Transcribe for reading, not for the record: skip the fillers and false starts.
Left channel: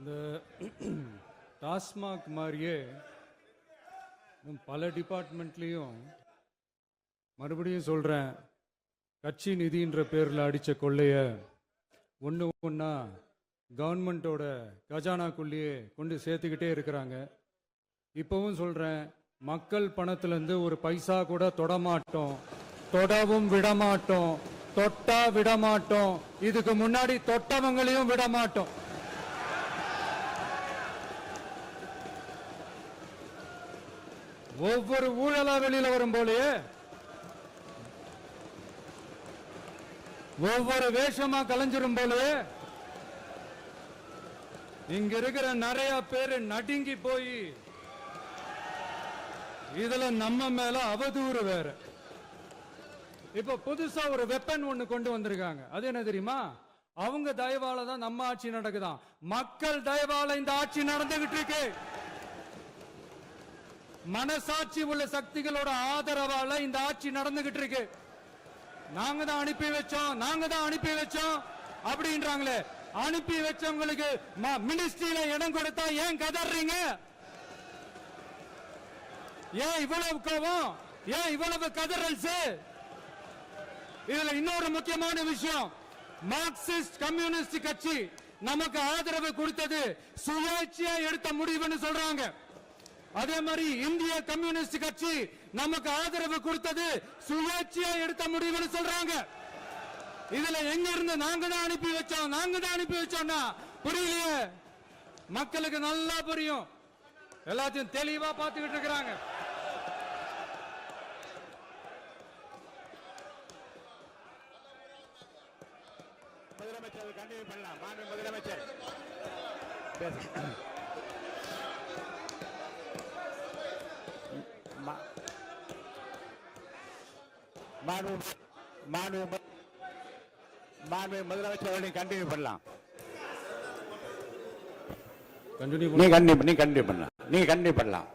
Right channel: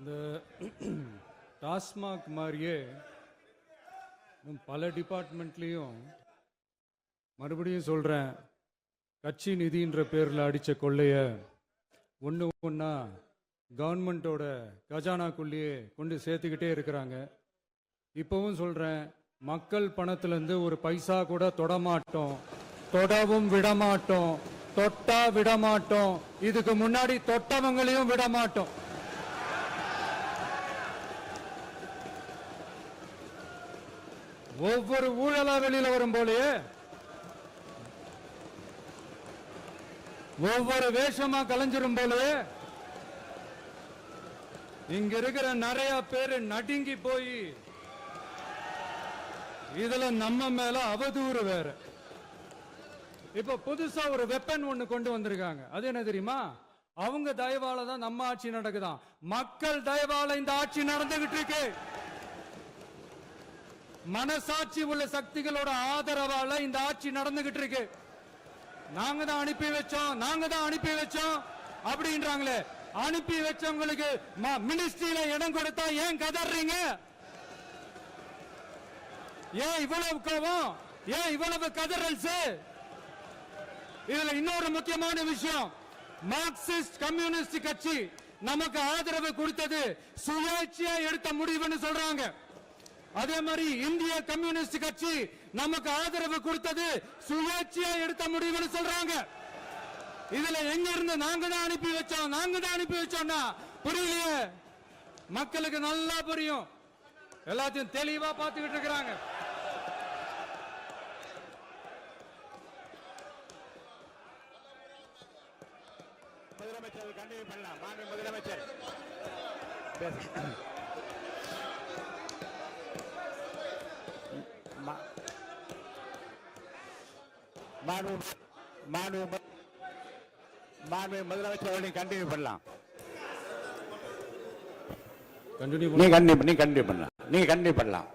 இந்த டாஸ்மாக் மாதிரியே பல டிபார்ட்மெண்ட்லயும் மறுபடியும் சொல்றேன், கட்சி நிதின்ற பேர்ல அடிச்ச கொள்ளைய ஒண்ணு ஒண்ணா கவர்மெண்டோட கஜானாக்குள்ளேயே கொண்டு சேர்த்துக்கிட்டே இருக்கிறாங்க. இப்பவும் சொல்றேன், மக்கள் பணத்துல இருந்து ஒரு பைசா கூட தொடமாட்டோம், தொடவும் விடமாட்டோம், தொட்டா விடமாட்டோம், இதுக்கு முன்னாடி தொட்டவங்களையும் விடமாட்டோம். ஒவ்வொரு ஊழலா வெளியில வரும் போலே, ஒவ்வொரு வேஷமா கலைஞ்சிரும் போலே, இங்க இருக்கிற நிறைய பேரு நடுங்கி போய் இதுல நம்ம மேல அவதூறு வேற. இப்ப புதுசா ஒரு வெப்பன் ஒண்ணு கொண்டு வந்திருக்காங்க. அது என்ன தெரியுமா? அவங்க தயவால தான் நம்ம ஆட்சி நடக்குதான். மக்கள் தயவால இந்த ஆட்சி நடந்துகிட்டு இருக்கு. மனசாட்சி உள்ள சக்திகளோட ஆதரவால இந்த ஆட்சி நடந்துகிட்டு இருக்கு. நாங்க தான் அனுப்பி வச்சோம் அப்படின்றாங்களே. அனுப்பி வச்சவங்களுக்கு மினிஸ்ட்ரியில இடம் கொடுத்தா ஏன் கதறீங்க? ஏன் இவ்வளவு கோவம்? ஏன் இவ்வளவு கதறல்? இதுல இன்னொரு முக்கியமான விஷயம், மார்க்சிஸ்ட் கம்யூனிஸ்ட் கட்சி நமக்கு ஆதரவு கொடுத்தது சுயேட்சையா எடுத்த முடிவுன்னு சொல்றாங்க. அதே மாதிரி இந்திய கம்யூனிஸ்ட் கட்சி நமக்கு ஆதரவு கொடுத்தது சுயேட்சையா எடுத்த முடிவுன்னு சொல்றாங்க. இதுல எங்க இருந்து நாங்க தான் அனுப்பி வச்சோம்னா புரியலையே. மக்களுக்கு நல்லா புரியும், எல்லாத்தையும் தெளிவா பார்த்துக்கிட்டு இருக்கிறாங்க. முதலமைச்சர் கண்டினியூ பண்ணலாம். மாண்பு முதலமைச்சர் முதலமைச்சர் கண்டினியூ பண்ணலாம். நீங்க கண்டினியூ பண்ணலாம்.